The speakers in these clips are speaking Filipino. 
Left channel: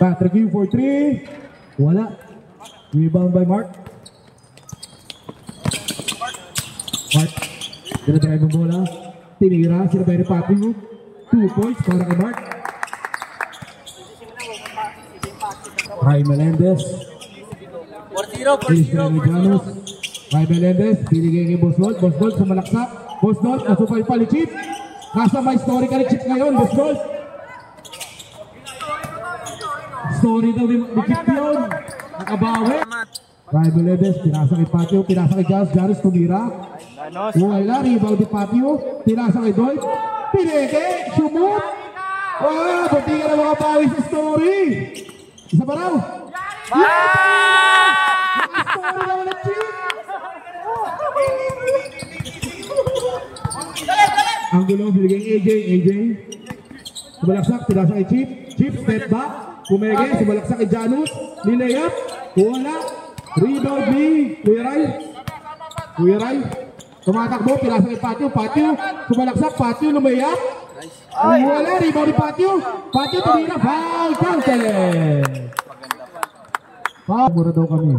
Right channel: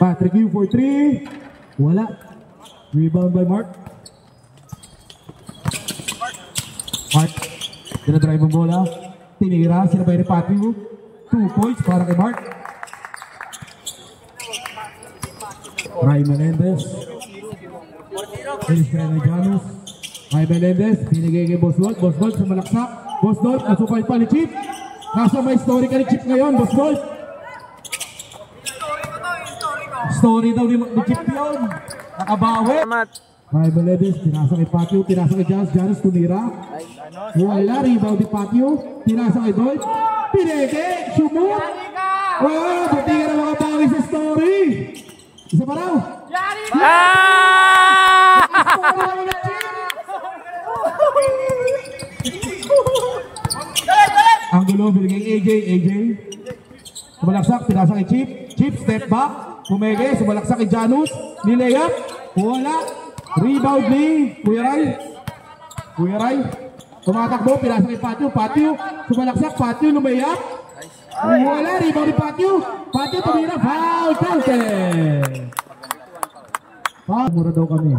Patrick Yu for 3. Wala. Rebound by Mark. Mark. Dinadrive ang bola. Tinira. Sinabay ni Patrick Yu. 2 points para kay Mark. Ray Melendez. Finish kaya ni Janus. Ray Melendez. Binigay kay Boss Gold. Boss Gold sumalaksak. Boss Gold. Nasupay pa ni Chip. Nasa may story ka ni Chip ngayon. Boss Gold. Story daw ni Chip yun. Nakabawi. Ray Melendez. Tinasa kay Patio. Tinasa kay Janus. Janus tumira. Wala. Rebound ni Patio. Tinasa kay Dolph. Pineke. Shumut. Oh, buti ka na makabawi sa story. Isa pa raw. Story daw ni Chip. Ang gulo. Biligay AJ. Sumalaksak. Tinasa kay Chip. Chip step back. Pumege, sumalaksak kay Janus. Nilayap. Wala. Rebound ni Kuya Ray. Tumatakbo. Pinasa kay Patio. Sumalaksak. Patio lumayap. Wala. Rebound ni Patio. Patio tumira. Foul. Counted. Mura daw kami.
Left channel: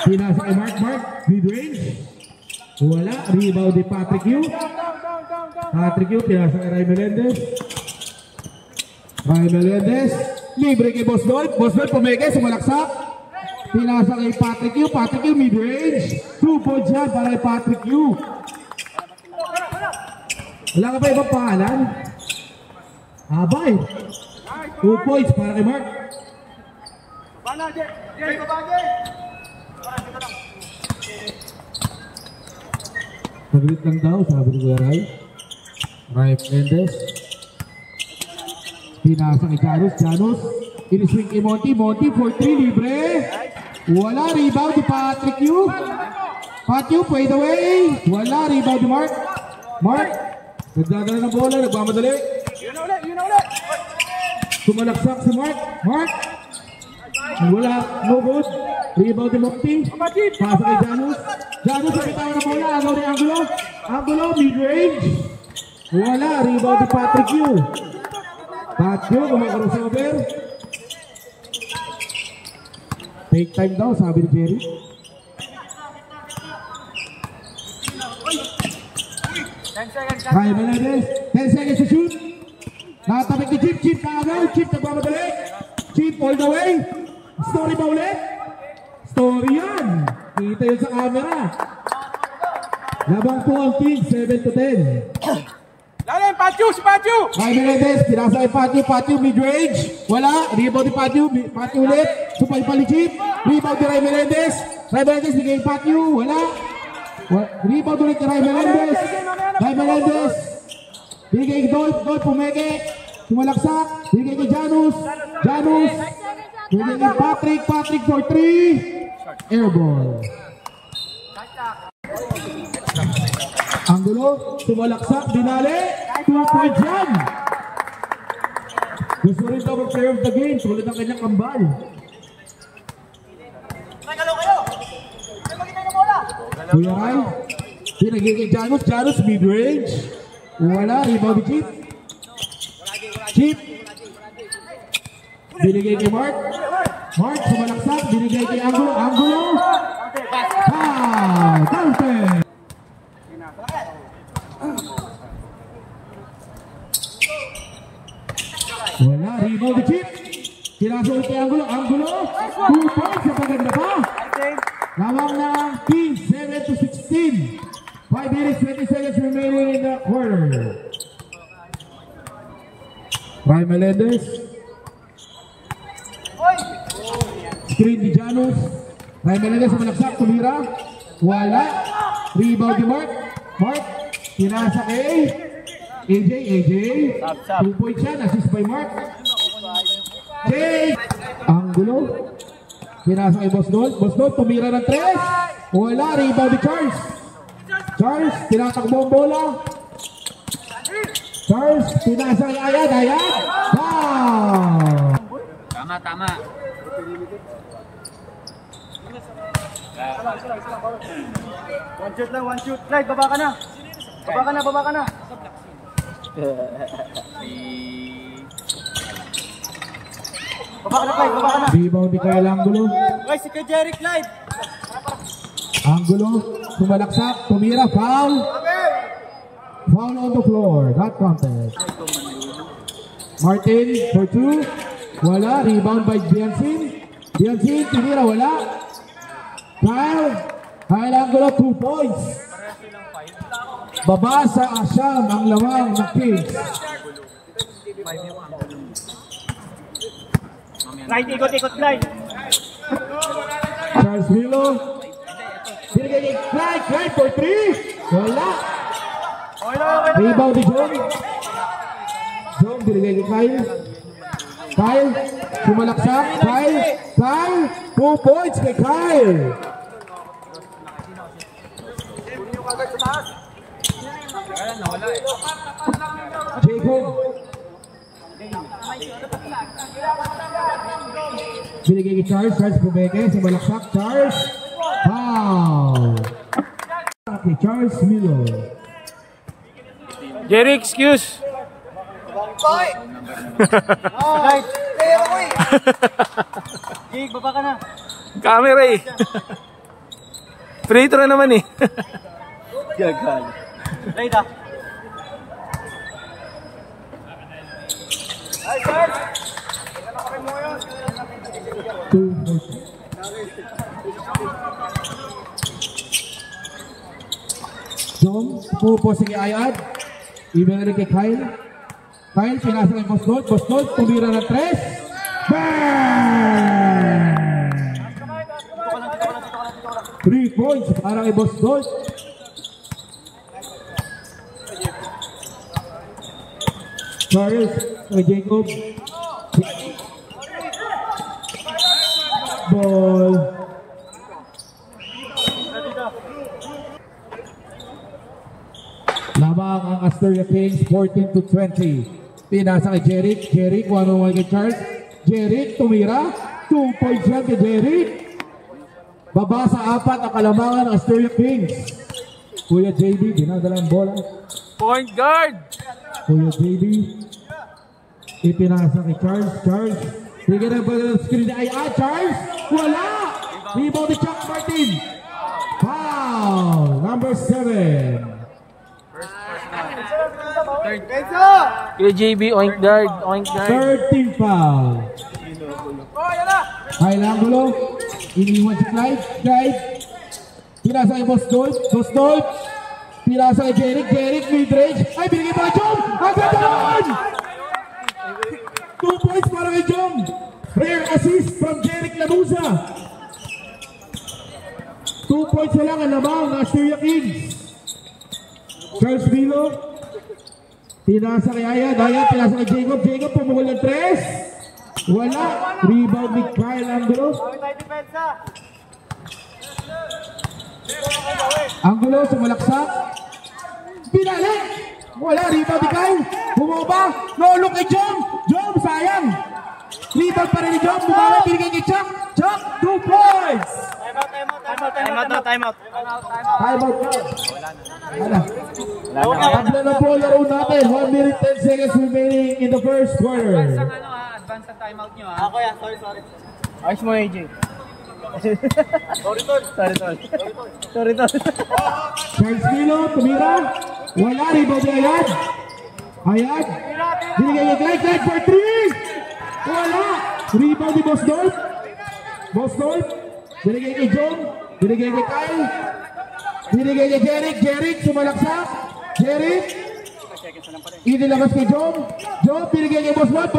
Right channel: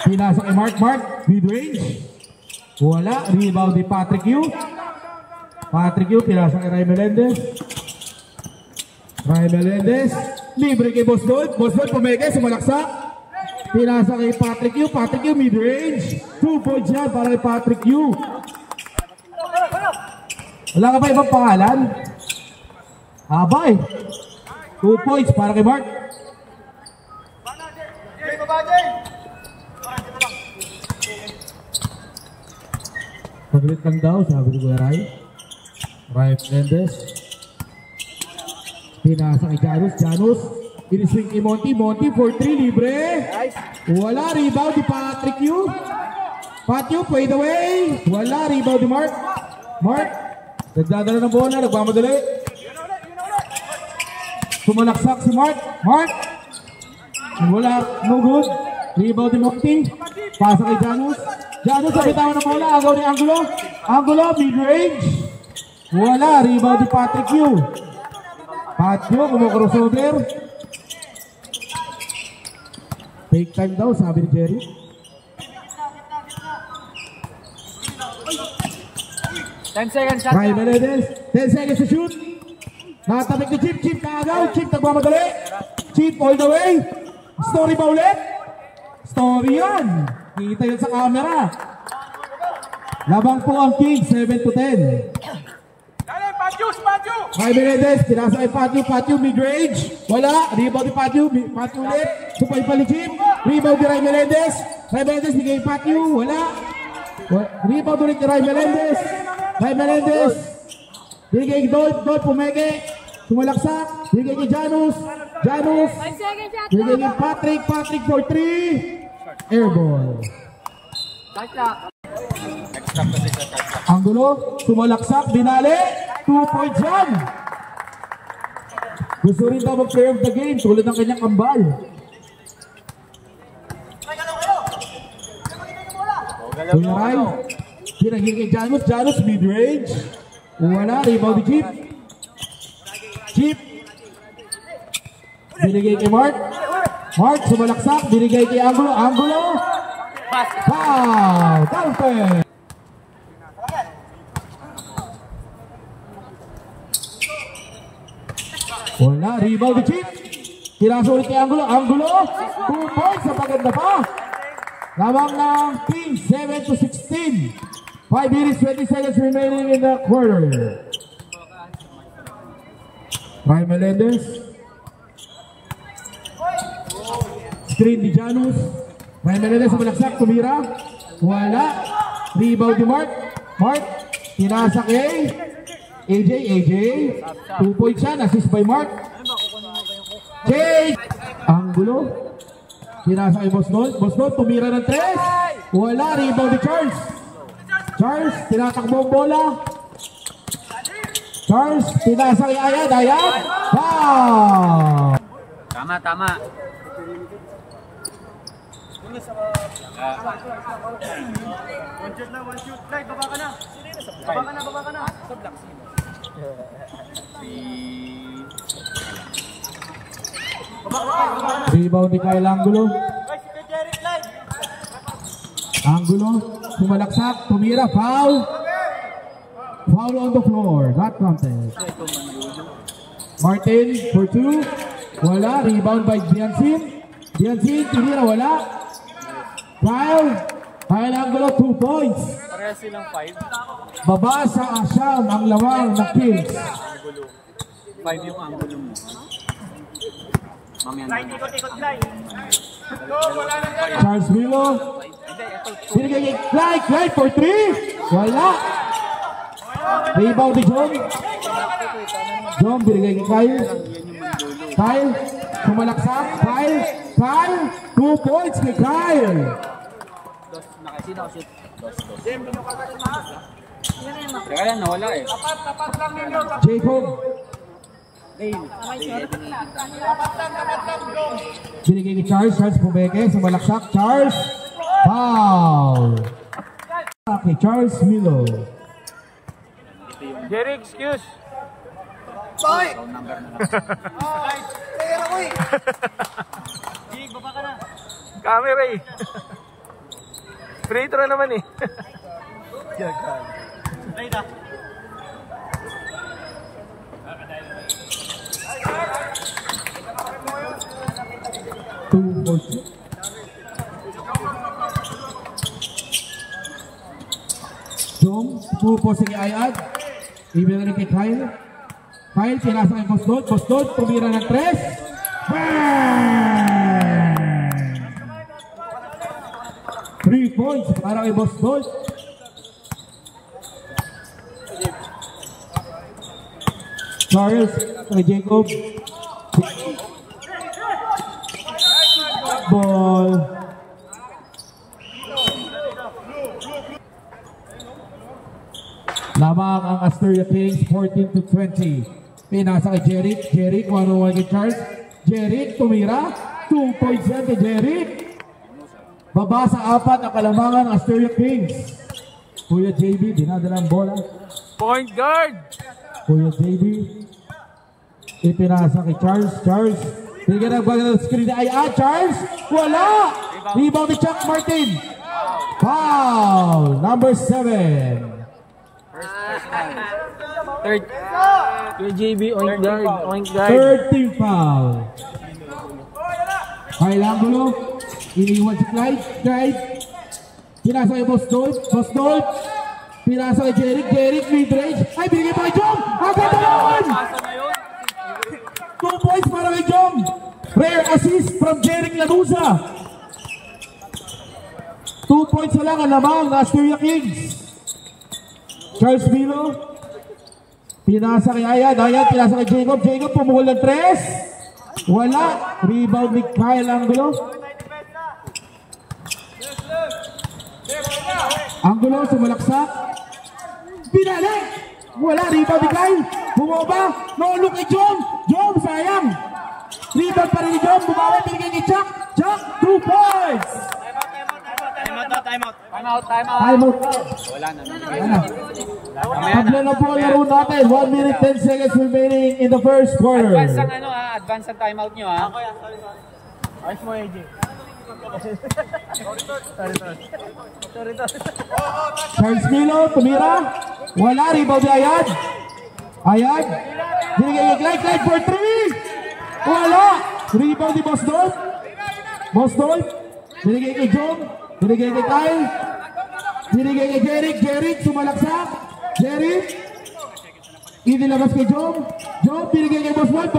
Pinasa kay Mark, mid-range. Wala, rebound ni Patrick Yu. Pinasa kay Ray Melendez. Libre kay Boss Dolph. Pumeke, sumalaksak. Pinasa kay Patrick Yu, mid-range. 2 points yan para kay Patrick Yu. Wala ka ba ibang pangalan? Abay. 2 points para kay Mark. Paglit lang daw, sabi ni Kuya Ray. Ray Melendez. Pinasa kay Janus. Iniswing kay Monty for 3, libre. Wala, rebound ni Patrick Yu. Patio, fade away. Wala, rebound ni Mark. Nagdadala ng bola, nagmamadali. Sumalaksak si Mark. Wala, no good. Rebound ni Monty. Pasa kay Janus. Janus sa bitawan ng bola. Agaw ni Angulo, mid-range. Wala, rebound ni Patrick Yu. Patio, kumakrossover. Take time daw, sabi ni Jerry. Ray Melendez, 10 seconds to shoot. Nakatabik ni Chip kaagaw. Chip nagmamadali. Chip all the way. Story ba ulit? Story yan. Kita yun sa camera. Labang po ang King, 7 to 10. Patio. Ray Melendez, pinasa kay Patio, mid-range. Wala, rebound ni Patio ulit. Supay pa ni Chip. Rebound ni Ray Melendez. Bigay Patio, wala. Rebound ulit ni Ray Melendez. Bigay Dolph, pumeke. Sumalaksak. Bigay ni Janus. Bigay ni Patrick for 3. Airball. Angulo, sumalaksak, dinali. 2 points yan. Gusto rin daw mag-play of the game. Tulad ng kanyang kambal. Kuya Ray. Pinagiging Janus, mid-range. Wala, rebound ni Chip. Binigay kay Mark, sumalaksak. Binigay kay Angulo. Foul, counted. Wala, rebound ni Chip. Tiraso ulit kay Angulo. 2 points sa paganda pa. Lamang ng team, 7 to 16. 5 minutes, 20 seconds remaining in the quarter. Ray Melendez. Screen ni Janus. Ray Melendez sa malaksak, tumira. Wala. Rebound ni Mark. Pinasa kay AJ. 2 points yan, assist by Mark. Angulo. Pinasa kay Boss Gold. Boss Gold, tumira ng 3. Wala, rebound ni Charles. Charles, tinatakbo ang bola. Charles, pinasa kay Ayad. Ayad, foul! Tama. One shoot lang, one shoot. Clyde, baba ka na. Baba ka na. Rebound ni Kyle Angulo. Guys, si Jeric Clyde. Angulo, sumalaksak, tumira, foul. Foul on the floor, not contest. Martin for 2. Wala, rebound by Biansin. Biansin, tumira, wala. Kyle Angulo, 2 points. Baba sa Asyam ang lawang ng Kings. 5 yung Angulo. Clyde, ikot, Clyde. Charles Milo. Binigay kay Clyde for 3. Wala. Rebound ni John. John, binigay kay Kyle. Kyle, sumalaksak. Kyle, 2 points kay Kyle. Nawala eh. Jacob. Binigay kay Charles Pumeke, sumalaksak. Charles, foul. Okay, Charles Milo. Jerry, excuse. Sorry. Player ako eh. Jake, baba ka na. Camera eh. Free throw naman eh. Gagal. Ayda. Jom, pupo si Ayad. Ibinalik kay Kyle. Kyle, pinasa kay Boss Gold. Boss Gold, tumira ng 3. Bang! 3 points para kay Boss Gold. Charles, kay Jacob. Ball. Lamang ang Astoria Kings, 14-20. Pinasa kay Jeric, 1-1 kay Charles. Jeric, tumira. 2 points yan kay Jeric. Baba sa 4 ang kalamangan ng Astoria Kings. Kuya JB, dinadala ang bola. Point guard. Kuya JB, ipinasa kay Charles. Bigyan ng bagal ng screen ay Charles. Wala. Rebound ni Chuck Martin. Foul. Number 7. Third. Kuya JB, oink guard. 13 foul. Kyle Angulo. Iniwan si Clyde. Pinasa kay Boss Dolph. Pinasa kay Jeric, mid-range. Ay, binigay pa kay Jom. Agad naman! 2 points para kay Jom. Rare assist from Jeric Lanuza. 2 points na lang ang lamang na Astoria Kings. Charles Milo. Pinasa kay Ayad, pinasa kay Jacob, pumukul ng 3. Wala. Rebound ni Kyle Angulo. Angulo, sumalaksak. Binalik. Wala, rebound ni Kyle. Bumaba. No look kay Jom, sayang. Rebound pa rin ni Jom. Bumaba, binigay kay Chuck. 2 points. Time out. Wala. Pagla na po laro natin. 1 minute 10 seconds remaining in the first quarter. Advance ang time out nyo ha. Sorry. Ayos mo AJ. Sorry. Charles Milo, tumira. Wala, rebound ni Ayad. Binigay kay Clyde for 3. Wala. Rebound ni Boss Dolph. Binigay kay John. Binigay kay Kyle. Binigay kay Jeric, sumalaksak. Jeric. Inilabas kay John. Binigay kay Boss Dolph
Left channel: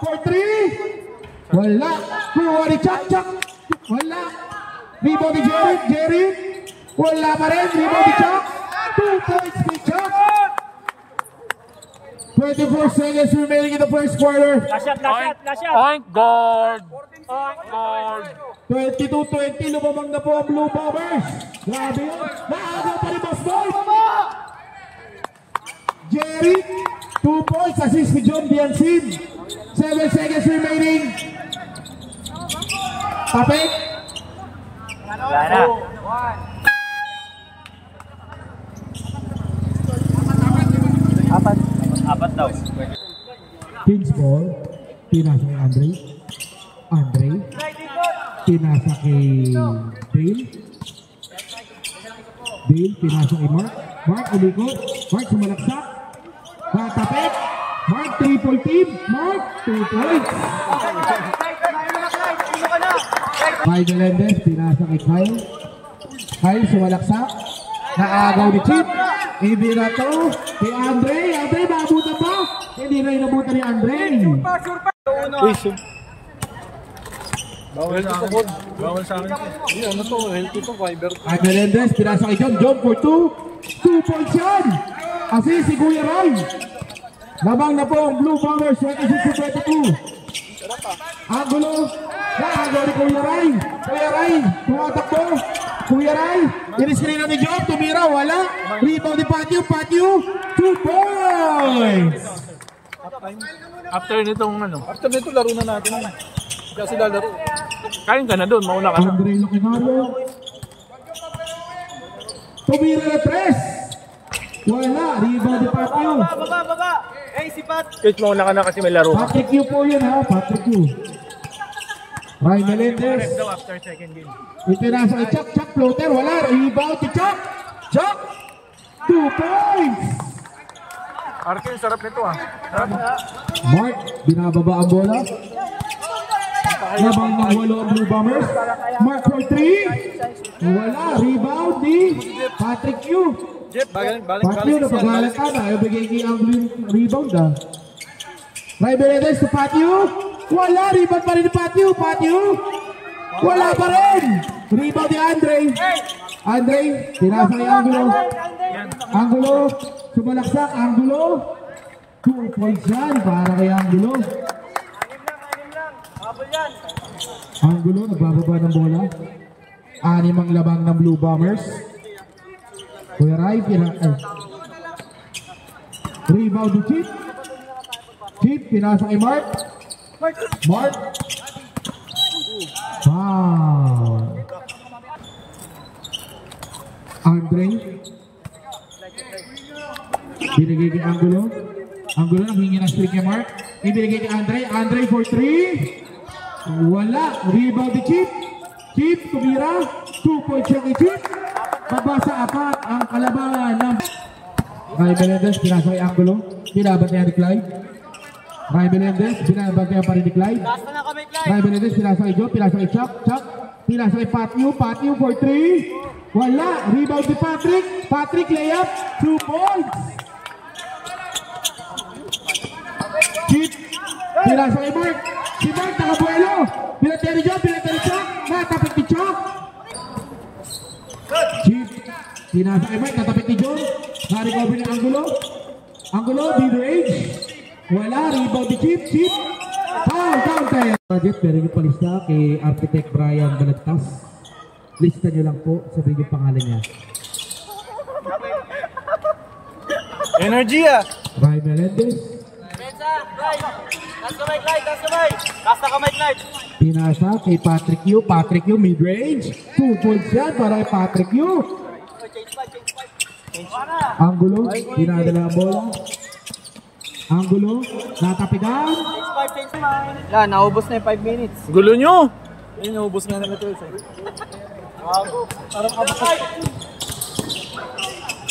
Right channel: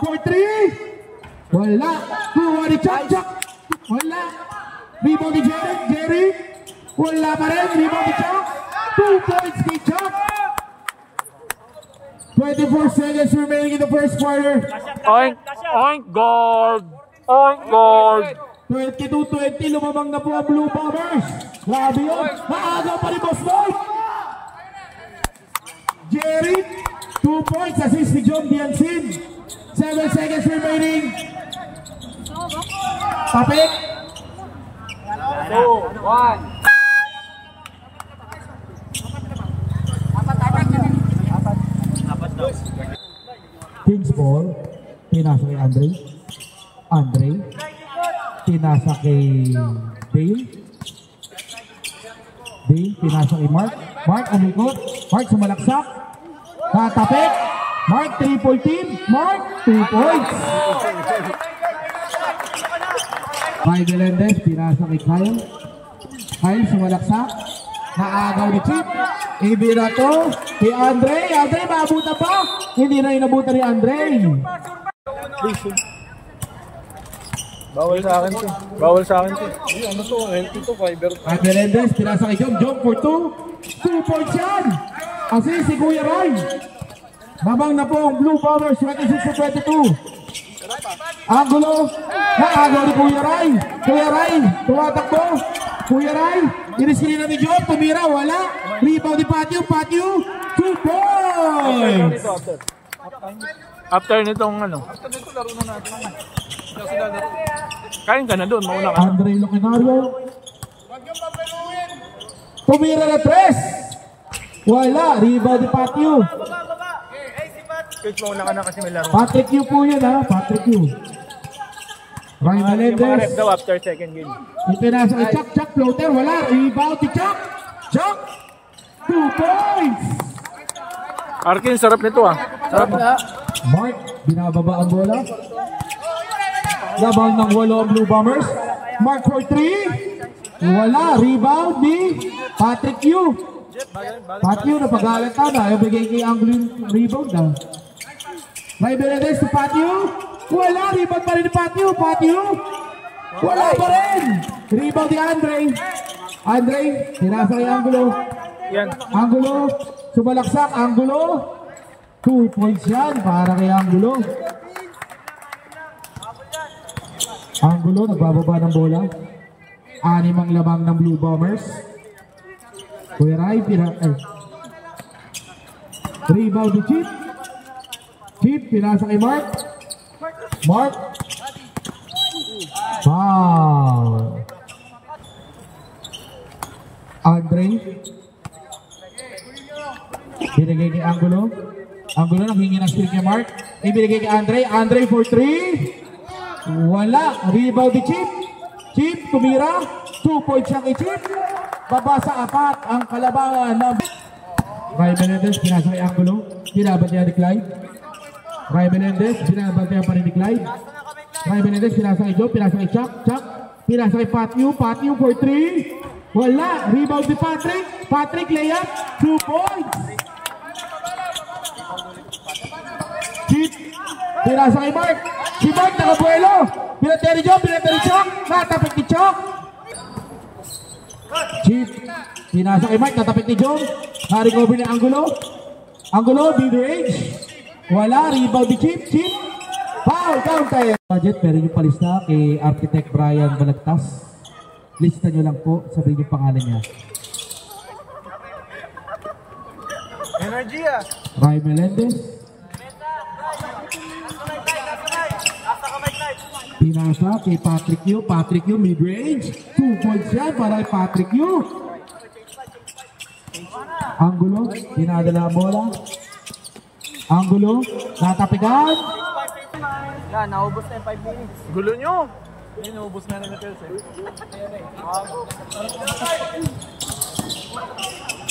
for 3. Wala. Kuha ni Chuck. Wala. Rebound ni Jeric. Wala pa rin. Rebound ni Chuck. 2 points kay Chuck. 24 seconds remaining in the first quarter. Oink guard. 22-20, lumamang na po ang Blue Bombers. Grabe yun. Naagaw pa rin Boss Boy. Jerry, 2 points. Assist ni John Biansin. 7 seconds remaining. Tapik. Apat daw. Kings ball. Pinasa kay Andre. Pinasa kay Bale. Pinasa kay Mark. Mark alikot. Mark sumalaksak. Tatapik. Mark 3-point team. Mark 2 points. Kyle Melendez. Pinasa kay Kyle. Kyle sumalaksak. Naagaw ni Chip. Ibinato si Andre. Andre maabutan pa. Hindi na inabutan ni Andre. Bawal sa akin. Bawal sa akin. Ano to? Healthy to, fiber to. At Melendez, pinasa kay John for 2. 2 points yan. Assist si Kuya Ray. Labang na po ang Blue Bombers. 26-22. Angulo. Naagaw ni Kuya Ray. Tumatakbo. Kuya Ray. Iniskrin na ni Job. Tumira. Wala. Rebound ni Patio. 2 points. After nitong ano? After nito, laro na natin. Kasi lalaro. Kain ka na doon, mauna ka na. Andre Loquinario. Tumira na 3. Wala. Rebound ni Patio. Baba. Hey, si Pat. Coach, mauna ka na kasi may laro. Patrick Yu po yun ha. Patrick Yu. Ray Melendez. Rep daw after second game. Ipinasa kay Chuck floater. Wala. Rebound si Chuck. 2 points. Arkin, sarap nito ah. Sarap na. Mark, binababa ang bola. Labang ng walo ang Blue Bombers. Mark for 3. Wala. Rebound ni Patrick Yu. Patrick Yu, napagalat ka na. Ayaw bigay kay Anglo yung rebound ah. Ray Benedez to Patrick Yu. Wala. Rebound pa rin ni Patrick Yu. Wala pa rin. Rebound ni Andre. Tinasa kay Angulo. Sumalaksak. Angulo. 2 points yan para kay Angulo. Angulo nagbababa ng bola. 6 ang labang ng Blue Bombers. Kuya Ray, rebound ni Chip, pinasa kay Mark. Foul. Andre. Binigay kay Angulo. Angulo nanghingi ng streak kay Mark. Ibigay kay Andre for 3. Wala. Rebound ni Chip, tumira. 2 points siya kay Chip. Babasa 4 ang kalabangan ng Ray Melendez, pinasa kay Angulo. Binabat niya ni Clyde. Ray Melendez, binabat niya pa rin ni Clyde. Ray Melendez, pinasa kay Joe, pinasa kay Chuck. Pinasa kay Patio for 3. Wala. Rebound ni Patrick layup. 2 points. Chip, pinasa kay Mark. Si Mark nakabuelo. Pinatay ni Joe, pinatay ni Chuck. Natapit ni Chuck. Chip, pinasa kay Mark. Natapit ni Joe. Na-recover ni Angulo, mid-range. Wala. Rebound ni Chip. Foul, counter. Budget, pero yung palista kay Architect Brian Balagtas. Lista nyo lang po. Sabihin yung pangalan niya. Energy ah. Ray Melendez. Pinasa kay Patrick Yu. Mid-range. 2 points yan para kay Patrick Yu. Angulo. Dinadala ang bola. Angulo. Natapigan. Yan, naubos na yung 5 minutes. Gulo nyo. Ayun, naubos na naman ito.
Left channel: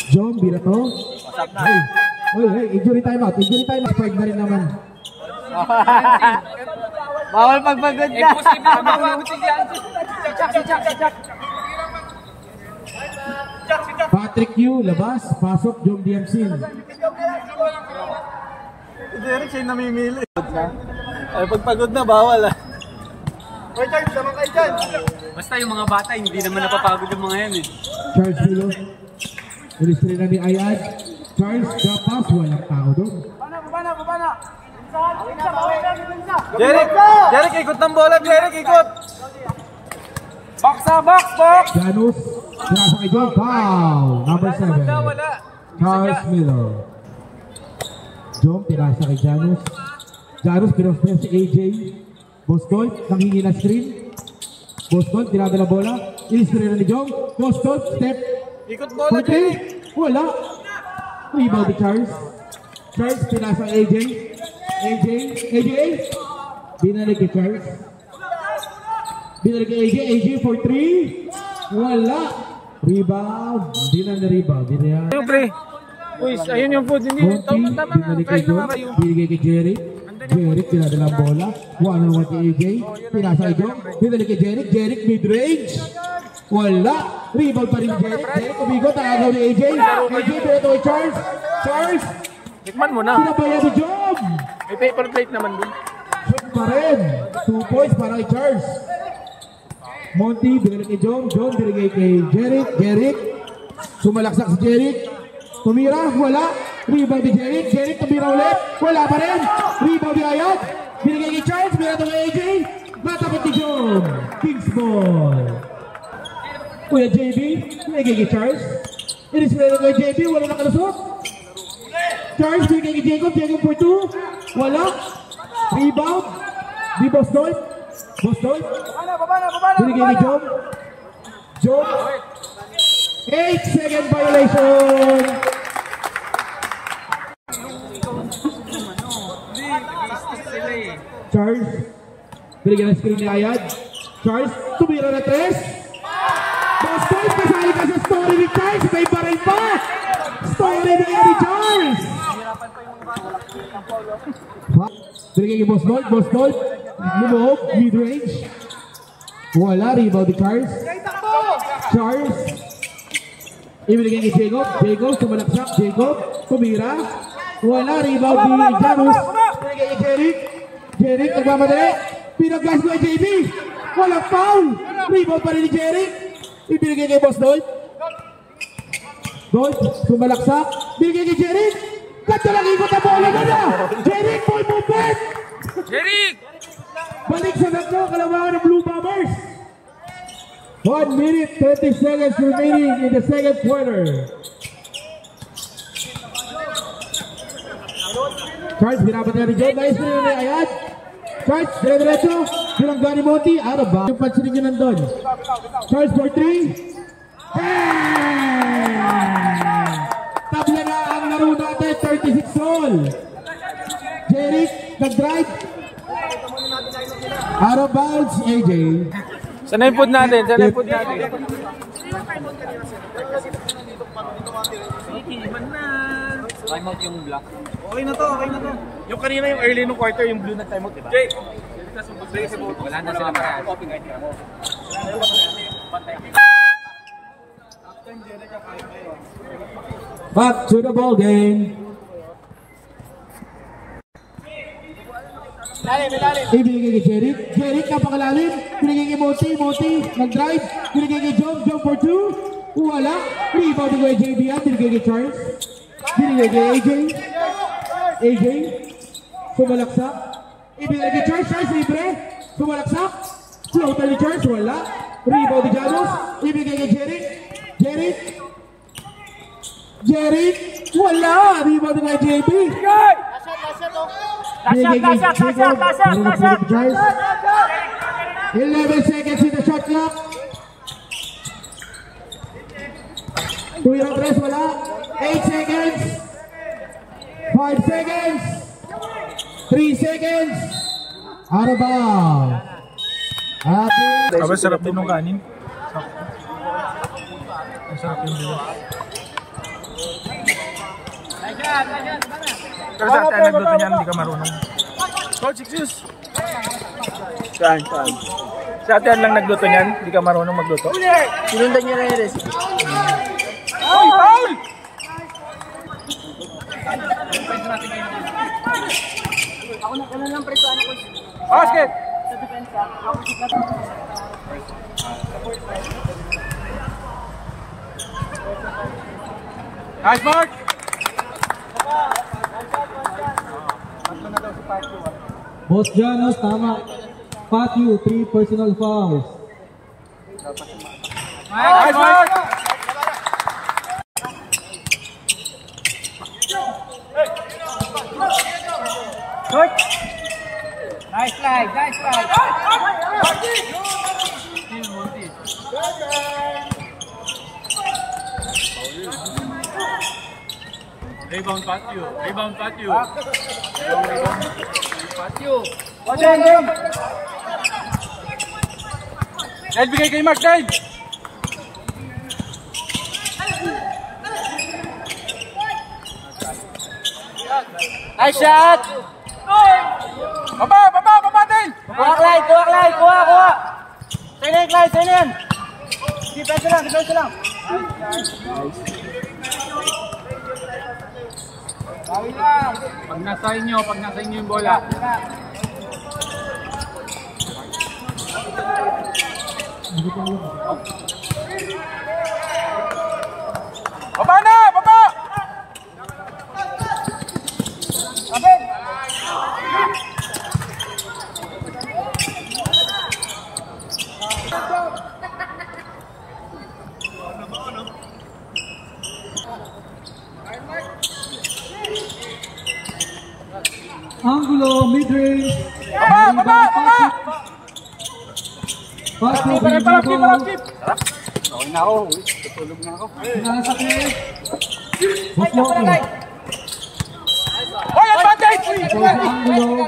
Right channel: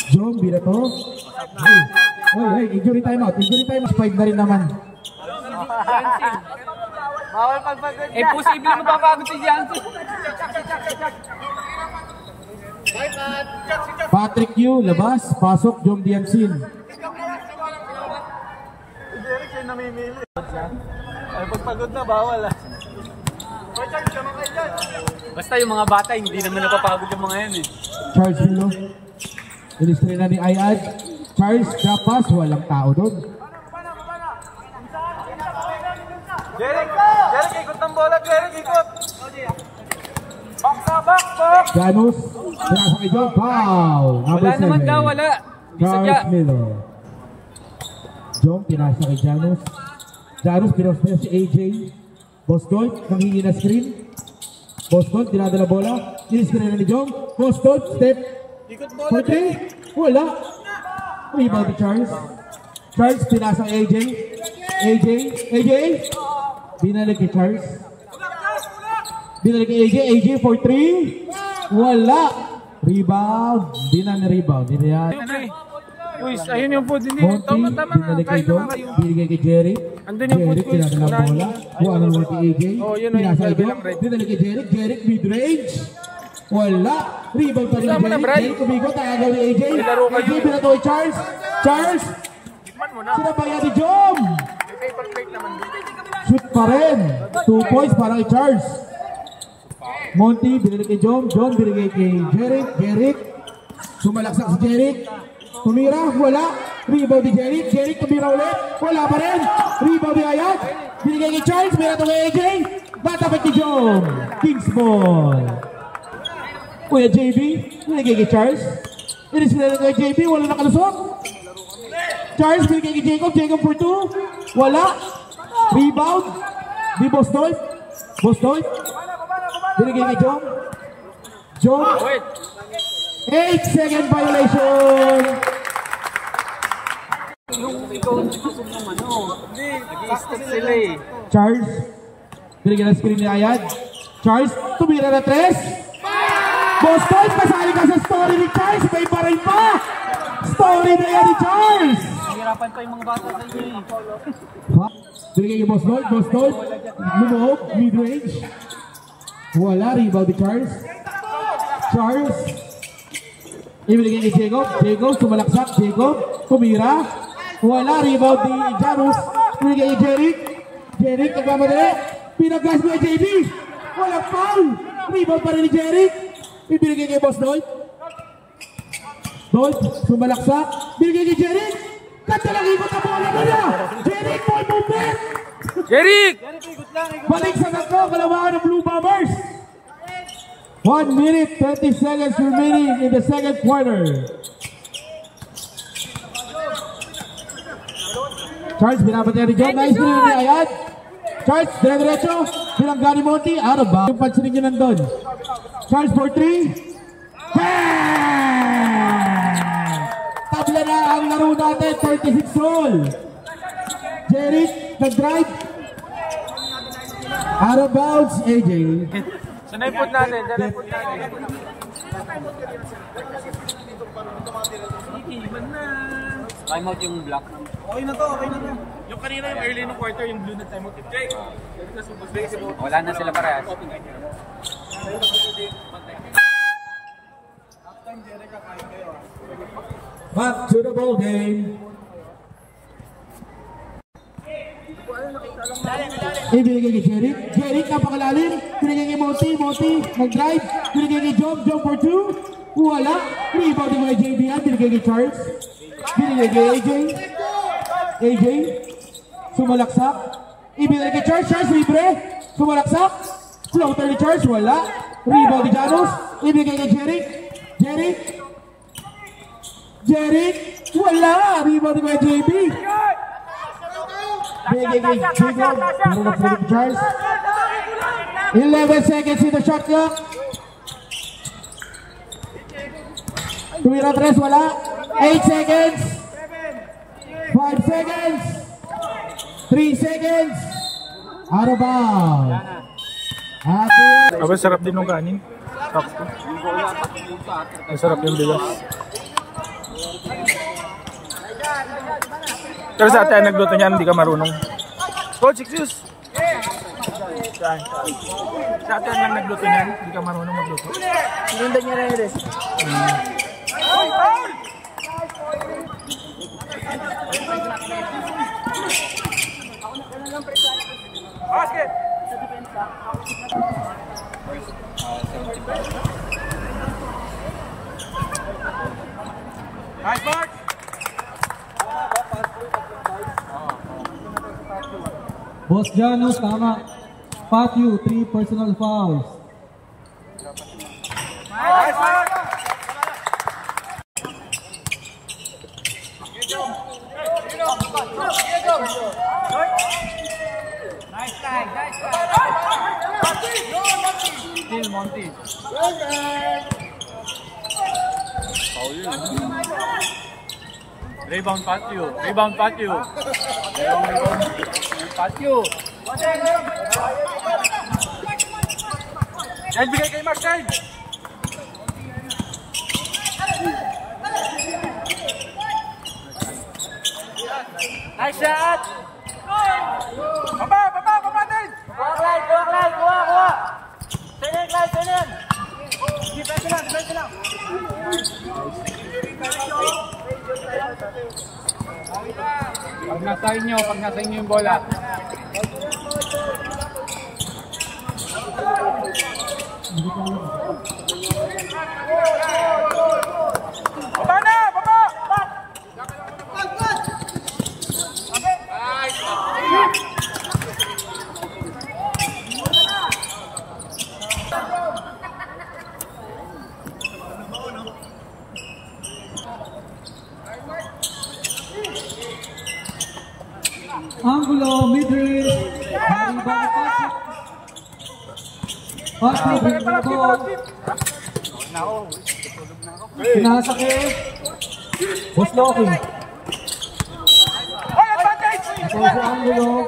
John, birato. Hey, injury timeout. 5 na rin naman. Bawal pagpagod ka. Posible mapapagod si Jansen. Patrick Yu, labas. Pasok, John Biansin. Derek siya namimili. Ay, pagpagod na, bawal ah. Basta yung mga bata, hindi naman napapagod yung mga yan eh. Charles Milo. Ilustrin na ni Ayad. Charles, drop pass. Walang tao doon. Derek, ikot ng bola. Derek, ikot. Janus, pinasa kay John, foul. Number 7. Charles Miller. John, pinasa kay Janus. Janus, pinasa si AJ. Boston, nanghingi na screen. Boston, tirada na bola. In-screen na ni John. Boston, step. Ikot bola, Wala. Rebound ni Charles. Charles, pinasa kay AJ. AJ. Binalik kay Charles. Binalik kay AJ for 3. Wala. Rebound. Hindi na rebound. Uy, ayun yung food. Hindi. Tama nga. Kain na nga kayo. Binigay kay Jeric. Jeric, tinadala ang bola. 1-on-1 kay AJ. Pinasa kay John. Binalik kay Jeric. Jeric, mid-range. Wala. Rebound pa rin ni Jeric. Jeric, umigot. Nakagaw ni AJ. AJ, binato kay Charles. Charles. Tikman mo na. Sinabayan ni John. May paper plate naman din. Shoot pa rin. 2 points para kay Charles. Monty, binalik kay John. John, binigay kay Jeric. Jeric. Sumalaksak si Jeric. Tumira, wala. Rebound ni Jeric. Jeric, tumira ulit. Wala pa rin. Rebound ni Ayat. Binigay kay Charles. Binato kay AJ. Batapit ni John. Kings ball. Kuya JB. Binigay kay Charles. Inisinala kay JB. Wala nakalusot. Charles, binigay kay Jacob. Jacob for 2. Wala. Rebound. Di Boston. Boston. Binigay kay John. John. 8-second violation. Charles. Binigay na screen ni Ayad. Charles, tumira na 3. Boston, kasali ka sa story ni Charles. May baray pa. Story niya ni Charles. Hirapan pa yung mga bata. Binigay kay Boston. Boston, lumog, mid-range. Wala, rebound ni Charles. Charles. Ibigay kay Jacob. Jacob, sumalaksak. Jacob, tumira. Wala, rebound ni Janus. Ibigay kay Jeric. Jeric, nagmamadali. Pinag-gas mo kay JB. Walang foul. Rebound pa rin ni Jeric. Ibigay kay Boss Dolph. Dolph, sumalaksak. Ibigay kay Jeric. Kanta lang ikot na bola na niya. Jeric, boy movement. Jeric! Balik sa tatlo, kalamangan ng Blue Bombers. 1 minute, 20 seconds remaining in the second quarter. Charles, binabatihan ni John. Nice rin ni Ayad. Charles, dire-diretso. Bilangga ni Monty. Out of bounds. Yung pansin nyo nandun. Charles for 3. Tabla na ang laro natin. 36 all. Jeric, nag-drive. Out of bounds, AJ. Sana yung food natin. Time out yung black. Okay na to. Yung kanina yung early nung quarter, yung blue na time out, diba? Wala na sila parehas. Halftime, Jeric, kakain kayo. Back to the ball game. Ibigay kay Jeric. Jeric, napakalalim. Binigay kay Monty. Monty, nag-drive. Binigay kay John. John for 2. Wala. Rebound kay JB. Binigay kay Charles. Binigay kay AJ. AJ. Sumalaksak. Ibigay kay Charles. Charles, libre. Sumalaksak. Floater ni Charles. Wala. Rebound ni Janus. Ibigay kay Jeric. Jeric. Jeric. Wala. Rebound kay JB. Binigay kay Jacob. Para na po kay Charles. 11 seconds in the shot clock. Tumira 3, wala. 8 seconds. 5 seconds. 3 seconds. Out of bounds. Aba, sarap din nung kanin. Ay, sarap yung bigas. Pero sa ate, nagluto niyan, hindi ka marunong. Coach, excuse! Saan? Sa ate lang nagluto niyan, hindi ka marunong magluto. Sinundan niya na yung recipe. Basket! Nice, Mark! Boss Janus, tama. Patio, 3 personal fouls. Nice work! Nice slide, nice slide. Monty. Rebound patio. Rebound patio. Rebound patio. Ed, bigay kay Mark, Ed! Nice shot. Baba din! Kuha, Clyde, kuha. Sinin, Clyde, sinin. Defense lang. Pag nasa inyo yung bola. Baba na! Baba! Angulo, mid-range. Baba! Patrick, bring the ball. Pinasakit. Boss Loki. Hoy, advantage! Ito si Angulo.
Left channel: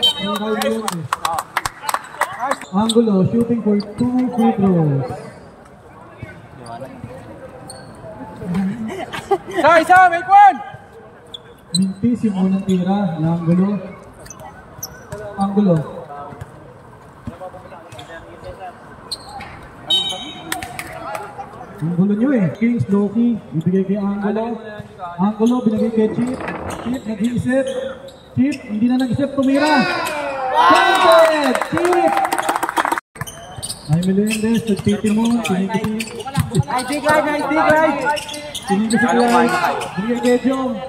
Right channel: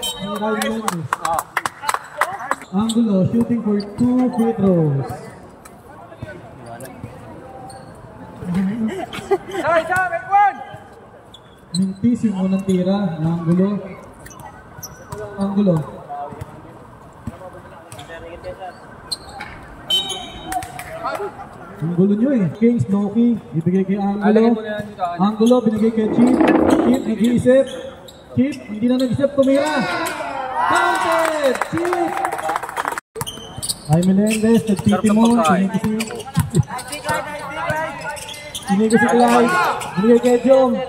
Angulo shooting for 2 free throws. Isa, make one! Mintis yung unang tira ng Angulo. Ang gulo nyo eh. Kings, Loki, ibigay kay Angulo. Angulo, binigay kay Chip. Chip, nag-iisip. Chip, hindi na nag-isip, tumira. Counted! Chip! Ay Melendez, nagtitimon. Sinigay si Clyde. Binigay kay Jom.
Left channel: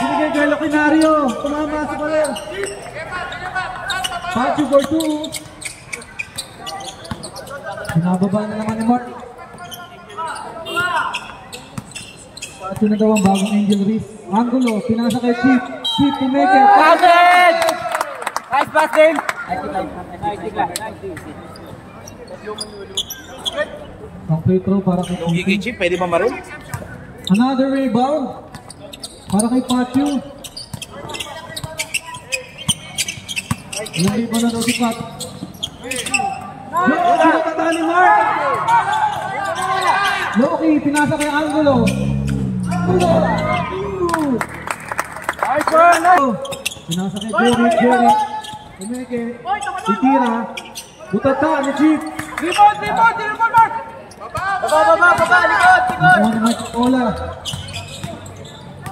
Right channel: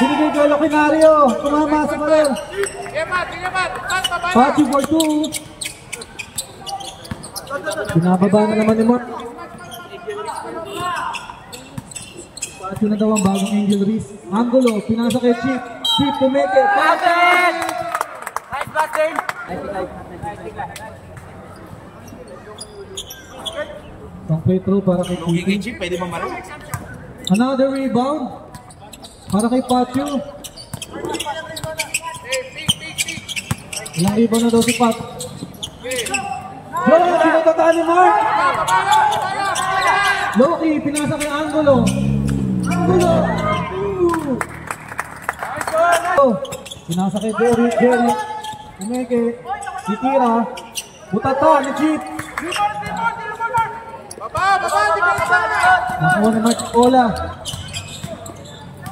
Binigay kay Locinario. Tumama sa karir. Patio for 2. Binababa na naman ni Mark. Patio na daw ang bagong Angel Reese. Angulo, pinasa kay Chip. Chip, pumeke. Patrick! Nice pass din. Ang free throw para kay Chip. Chip, pwede ba maroon? Another rebound para kay Patio. Ilang rebound na daw si Pat. Yo, sinatata ni Mark. Loki, pinasa kay Angulo. Pinasa kay Derek. Umeke. Titira. Butata ni Chip. Nakuha ni Mark Ola.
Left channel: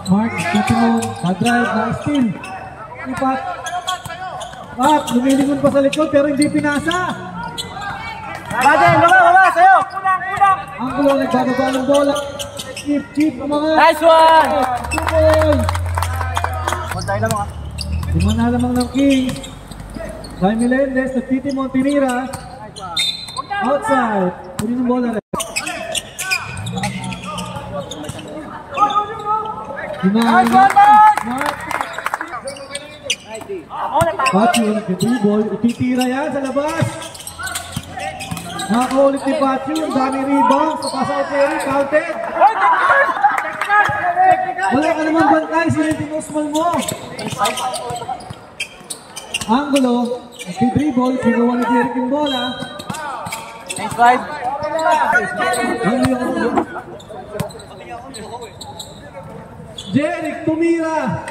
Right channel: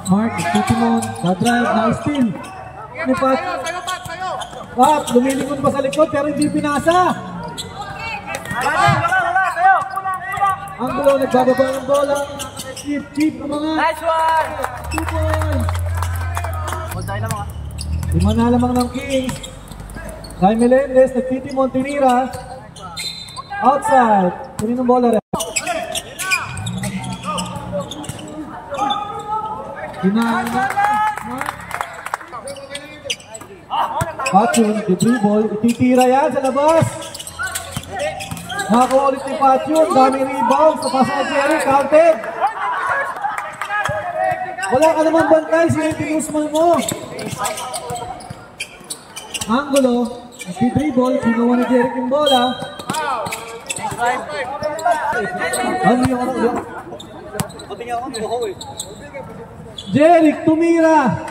Mark, titimon. Na-drive, na-steal. Ni Pat. Pat, lumilingon pa sa likod pero hindi pinasa. Baba, sa'yo. Angulo, nagbababa ng bola. Chip, umangat. Nice one. 2 points. Lima na lamang ng Kings. Ray Melendez, nagtitimon, tinira. Outside. Kunin ng bola rin. Hinahan na. Patio, nag-dribble. Ititira yan sa labas. Makakulit ni Patio. Dami rebound. Papasa ka Jerry. Counted. Wala ka naman bangkay. Sinitinusman mo. Angulo. Nag-dribble. Kinuha ni Jerry yung bola. Jeric tumira.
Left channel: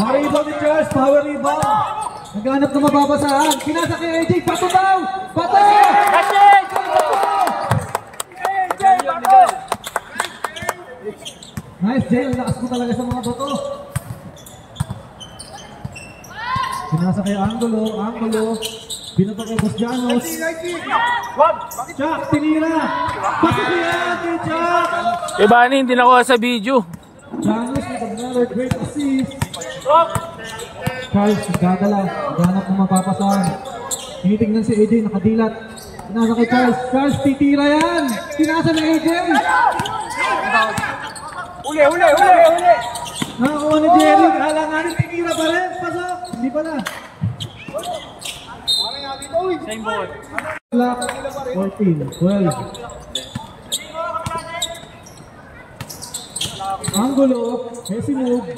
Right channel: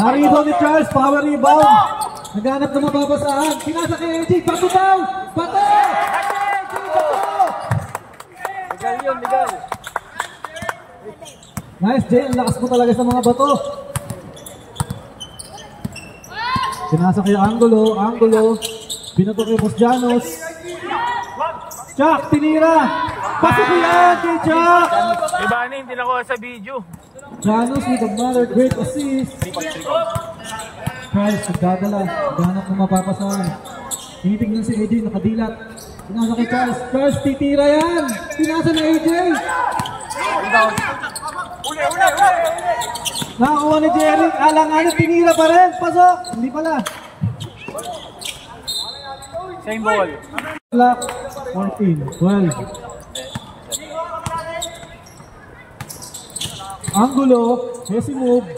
Narito ni Charles, power rebound. Naghanap na mababasaan. Pinasa kay AJ, pato daw! Pato! Nice, Jay. Ang lakas mo talaga sa mga bato. Pinasa kay Angulo. Binato kay Bosjanos. Chuck, tinira. Pato ko yan kay Chuck. Diba, hindi nakuha sa video. Janos with another great assist. Charles, nagdadala. Naghanap na mapapasahan. Tinitignan si AJ, nakadilat. Pinasa kay Charles. Charles, titira yan. Pinasa na AJ. Uli! Nakakuha ni Jeric. Alang-alang, tinira pa rin. Pasok. Hindi pala. Same ball. Clock. 14. 12. Angulo. Messi move.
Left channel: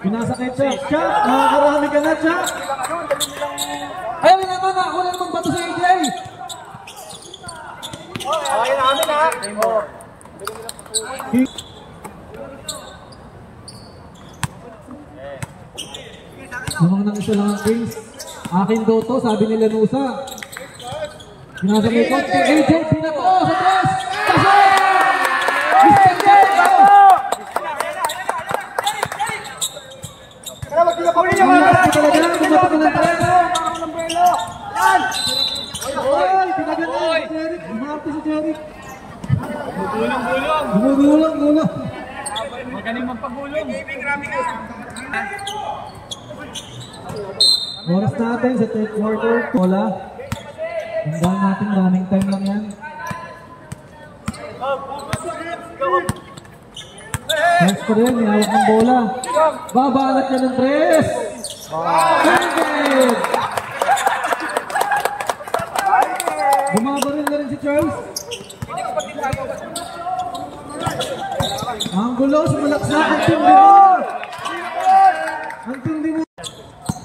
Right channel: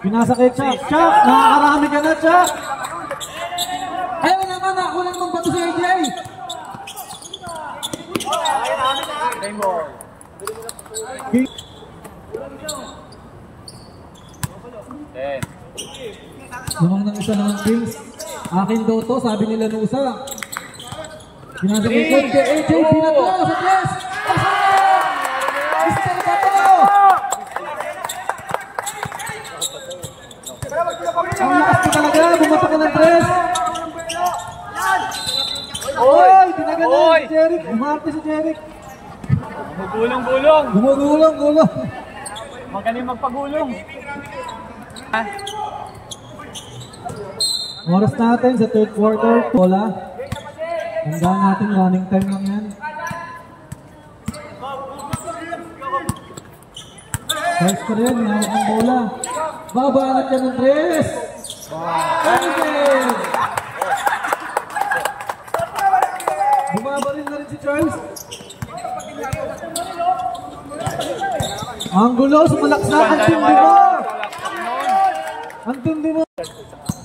Pinasa kay Chuck. Chuck, nakakarami ka na, Chuck. Ayaw naman, nakakuha naman bato si AJ. Same ball. Namang nang isa lang ang Kings. Akin daw to, sabi nila Nusa. Pinasa kay Coach kay AJ, pinato sa tres. Pasok! Mr. Bato! Ang lakas ka talaga, bumato ka ng tres. Oy, pinagalan si Jeric. Bumati si Jeric. Gulong! Gumugulong. Magaling magpagulong. Oras natin sa third quarter. Wala. Tandaan natin, running time lang yan. First pa rin, may hawak ng bola. Babanat yan ng tres. Counted! Bumabaril na rin si Charles. Angulo, sumalaks na. Ang tindi mo! Ang tindi mo!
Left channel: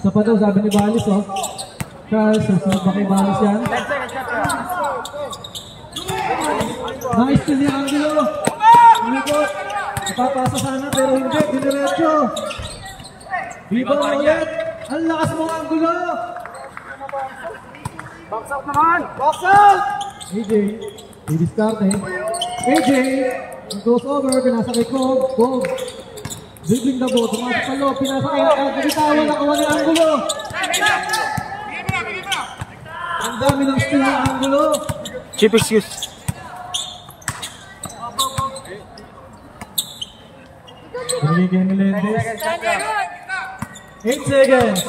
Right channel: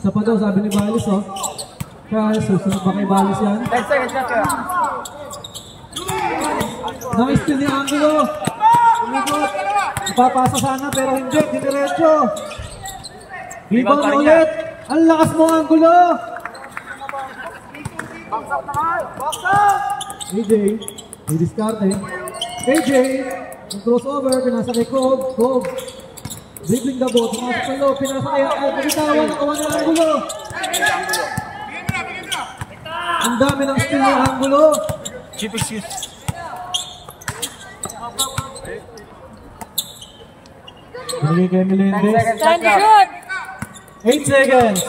Sa pa daw, sabi ni Balis, oh. Charles, susunod ba kay Balis yan? 10 seconds na. Nice to ni Angulo. Umikot. Ipapasa sana pero hindi. Diniretso. Rebound na ulit. Ang lakas mo, Angulo. Box out! AJ. I-discarte. AJ. Ang crossover. Pinasa kay Cobb. Cobb. Dribbling the ball. Pumasok sa loob. Pinasa kay Bitawan. Nakawa ni Angulo. Ang dami ng steal ni Angulo. Cheap excuse. Pinagay kay Melendez. 8 seconds.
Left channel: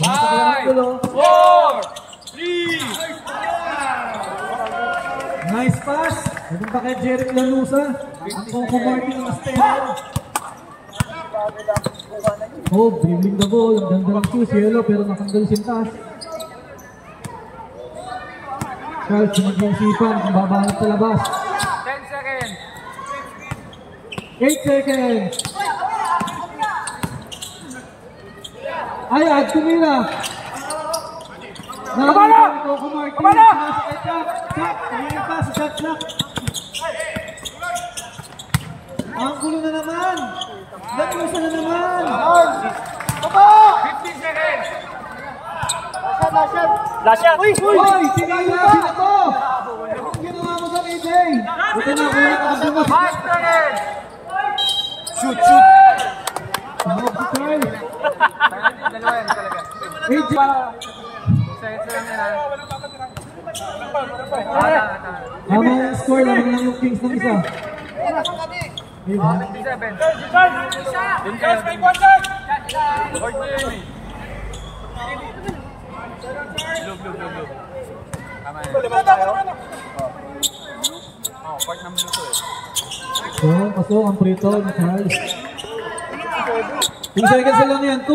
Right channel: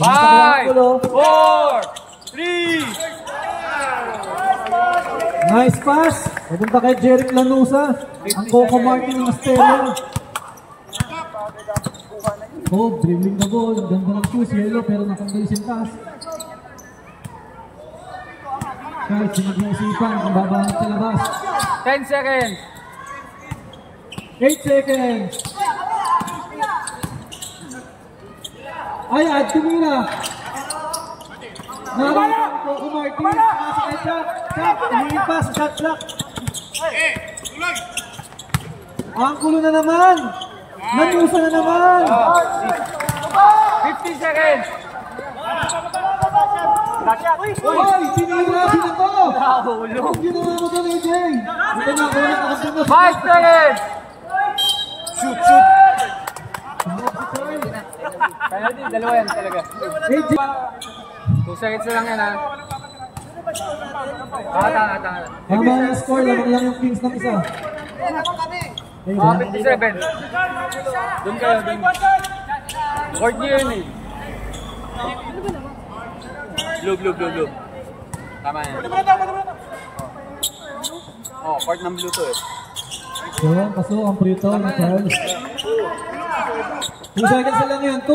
5, 4, 3. Nice pass. Pupunta kay Jeric Lanusa. Ang Coco Martin ng Astelo. Oh, dribbling the ball. Ang ganda ng shoes. Yellow pero nakanggal yung sintas. Charles, nag-iisipan kung babanat sa labas. 10 seconds. 8 seconds. Ayad, tumira. Nakakita ni Coco Martin. Pinasa kay Chuck. Chuck, humihin pa sa shot clock. Ang gulo na naman. Nanusa na naman. 15 seconds. Flash shot. Hoy, tinira, binato. Anong ginawa mo doon, AJ? Buti na ako nakakabing mo. 5 seconds. Shoot! Tumawag si Charles. Penalty, dalawa yan talaga. AJ. 2 seconds na lang yan, ha? Tama. Tama yung score, lamang lang yung Kings ng isa. Ayun ba? 57. Dun kayo, dun. Court niyo yun, eh. Blue. Tama yan. Oh, court ng blue to, eh. So, pasok ang free throw ni Charles. 2 seconds na lang yan. 2, 1.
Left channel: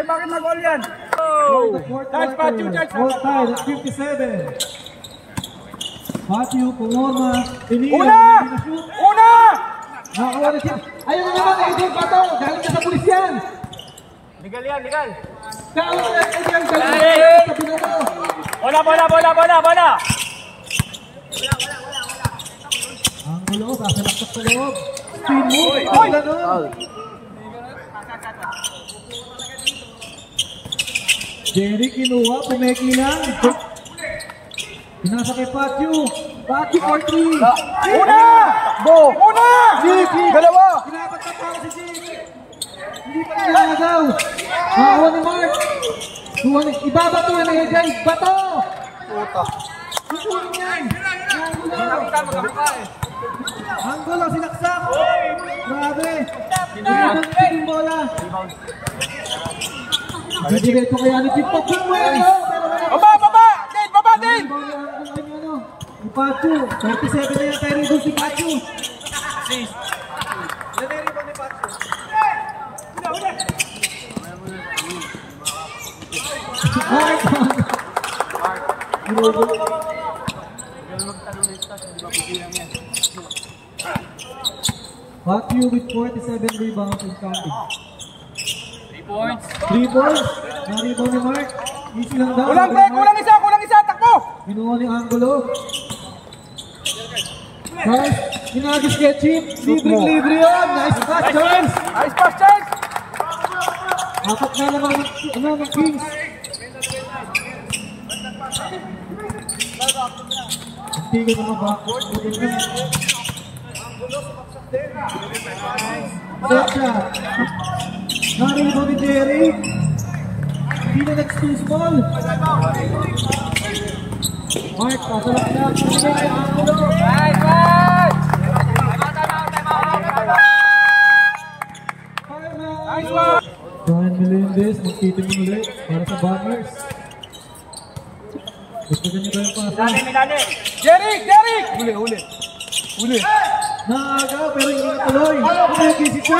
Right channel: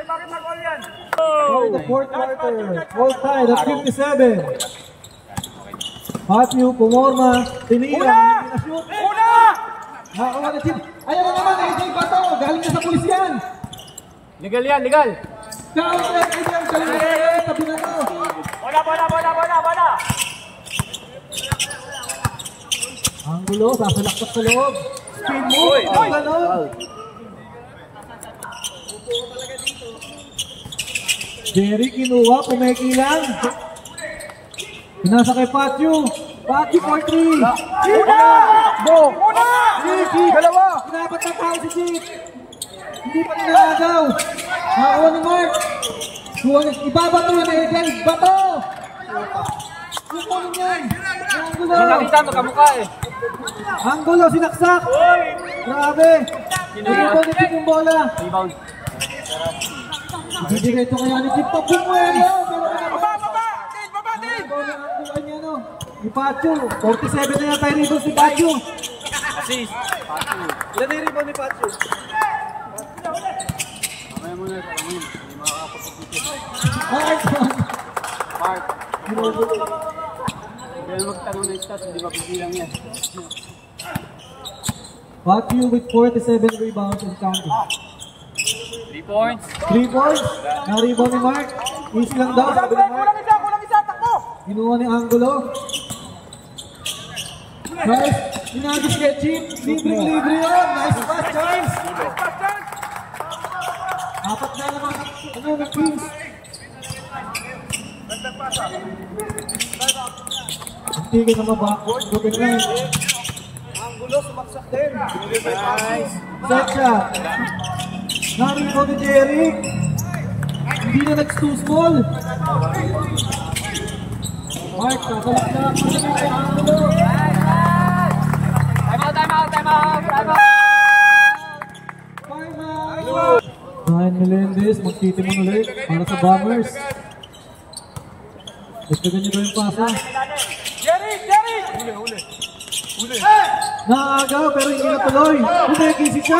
Ay, bakit nag-all yan? Fourth quarter. Fourth tie, that's 57. Patio, Pumorma, Tinira, hindi na-shoot. Nakakuha na chip. Ayun na naman, AJ Bato. Galing na sa pulis yan. Legal yan, legal. Down, AJ, galing na sa tabi na to. Bola. Angulo, sasalaksak sa loob. Spin move. Foul. Jerry kinuha, pumeki lang. Pinasa kay Patio. Patio for 3. Bo! Nicky! Dalawa! Pinapat na tayo si Chief. Hindi pa nilagaw. Nakakuha ni Mark. Ibabato na AJ. Bato! Ikunin yan. Angulo. Nakita magkamukha, eh. Angulo, sinaksak. Grabe. Ito na yung bola. Rebound. Diretso kaya ni Chip. Tapos mo yun lang. Baba! Dale! Baba! Dale! Ni Pacho. 47 na yata yung rebound si Pacho. Assist. Yan yung rebound ni Pacho. Mark! Pacho with 47 rebounds and counting. 3 points. 3 points. Na-rebound ni Mark. Easy lang daw. Kulang isa! Takbo! Pinuha ni Angulo. Charles, inagis kay Chip. Libre yun. Nice pass, Charles. Nice pass, Charles! Apat na naman ng Kings. Hindi ko naman ba? Butin na. Set shot. Narinig ko ni Jerry. Hindi na too small. Mark, kasalak na. Patingin kay Angulo. Ryan Melendez, magtitimon ulit para sa Bombers. Gusto ganito yung pasa. Jerry! Huli! Naagaw pero hindi natuloy. Kumeki si Chip.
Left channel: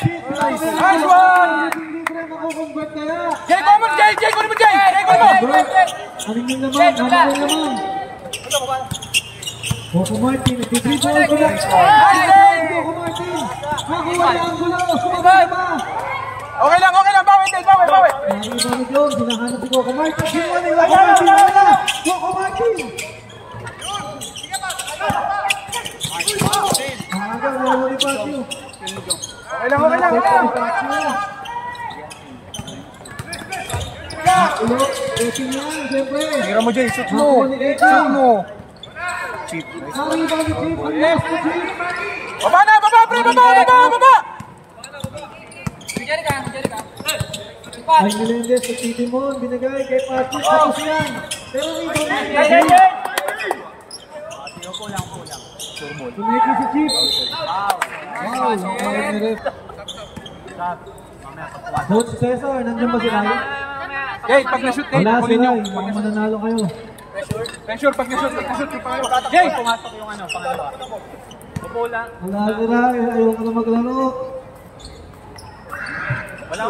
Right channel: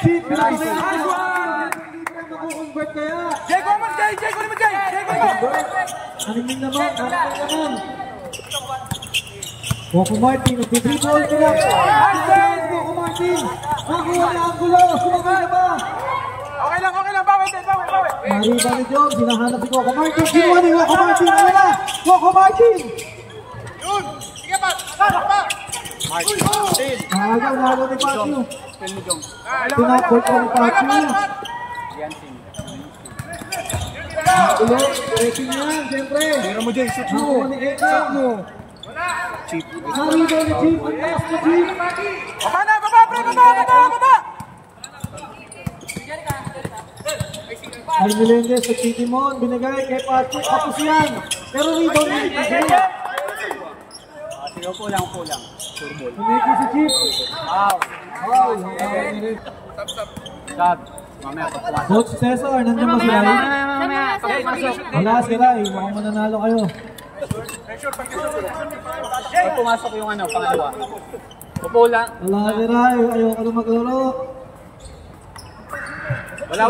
Chip, pinakamayan. Libre makukonvert kaya. Jay! Aningin naman. Coco Martin, nagtitribol ko lang. Coco Martin, nakuha ni Angulo. Sumagay na ba? Okay lang, bawi! Nariba ni John, hinahanap si Coco Martin. Kinuha ni Coco Martin. Coco Martin. Naagaw, nawala ni Pacho. Tinapol ko ni Pacho. Angulo, breaking yan, siyempre. Tira mo, Jay. Shoot mo. Nakuha ni Eking. Chip. Nariba ni Chip, ang last ni Chip. Baba na! Baba! Ay Melendez, nagtitimon, binagay kay Pacho, tapos yan. Pero rebound ni Chip. Kulang. Kumeki si Chip. Wow, Coach Cesar, nandiyan ba si Rai? Jay, pag na-shoot, Wala si Rai, mukhang mananalo kayo. Pressure, pag na-shoot. Jay, pumasok yung pangalawa. Pupula. Wala si Rai, ayoko na maglaro. Wala.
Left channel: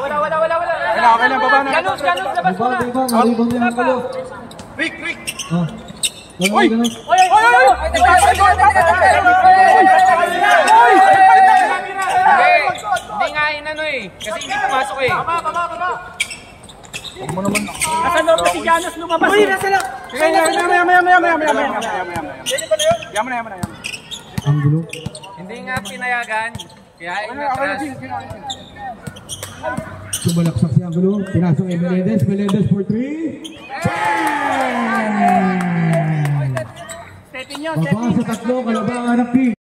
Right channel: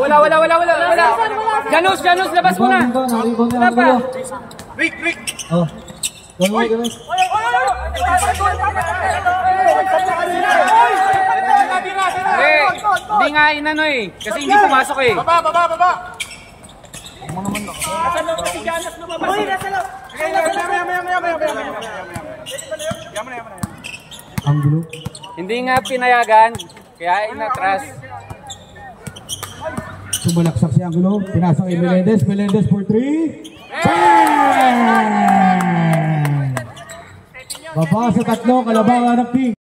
Ganus, labas mo Diba, na. naribang niya ang galo. Rick! Oh, ganun. Hindi nga inano kasi hindi pumasok Baba! Nasaan daw si Janus lumabas Sige, Yaman na. Angulo. Hindi nga pinayagan, kaya inatras. Sumalaksak si Angulo, pinasok kay Melendez for 3. Bang! Baba sa tatlo, kalabangan ng King.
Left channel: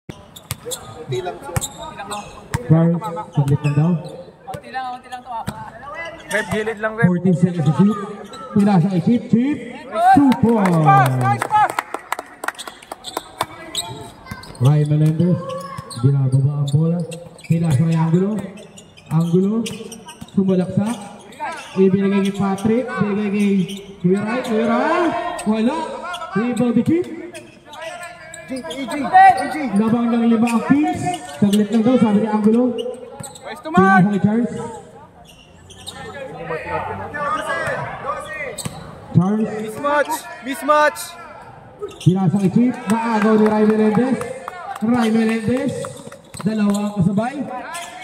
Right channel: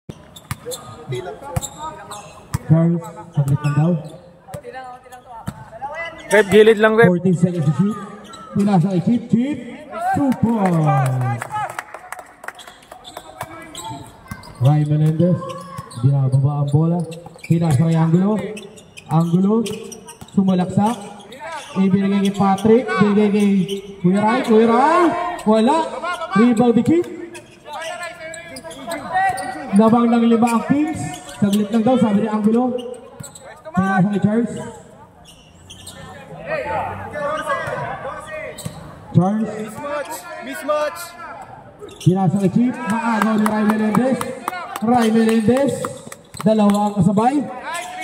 Charles, saglit lang daw. Rep, gilid lang, Rep. 14 seconds to shoot. Pinasok kay Chip, 2 points. Ryan Melendez, binababa ang bola. Pinasok kay Angulo, sumalaksak. Ibinigay kay Patrick, ibinigay kay Kuya Rai, wala. Rebound ni Chip. Labang ng 5 ang Kings. Saglit lang daw, sabi ni Angulo. Pinasa kay Charles. Mismatch! Pinasa kay Chip. Naagaw ni Rai Melendez. Dalawa ang kasabay.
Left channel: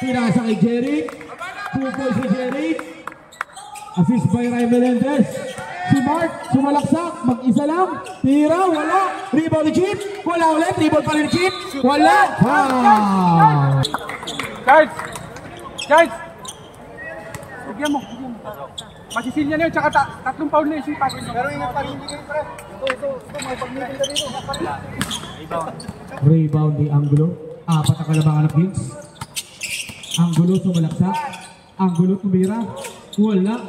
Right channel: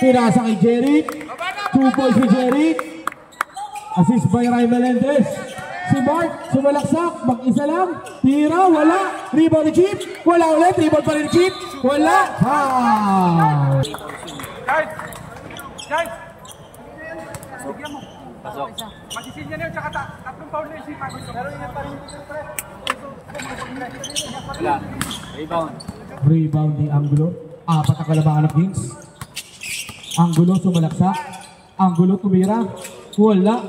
Pinasa kay Jeric. 2 points si Jeric. Assist by Rai Melendez. Si Mark, sumalaksak. Mag-isa lang. Tira, wala. Rebound ni Chip. Wala ulit. Rebound pa rin ni Chip. Wala. Foul. Charles! Bigyan mo. Masisil niya na yun, tsaka 3 foul na yung sipa. Pero ingat pa rin yung pre. Magpag-meeting ka dito. Rebound ni Angulo. 4 ang kalabangan ng Kings. Angulo sumalaksak. Angulo tumira. Wala.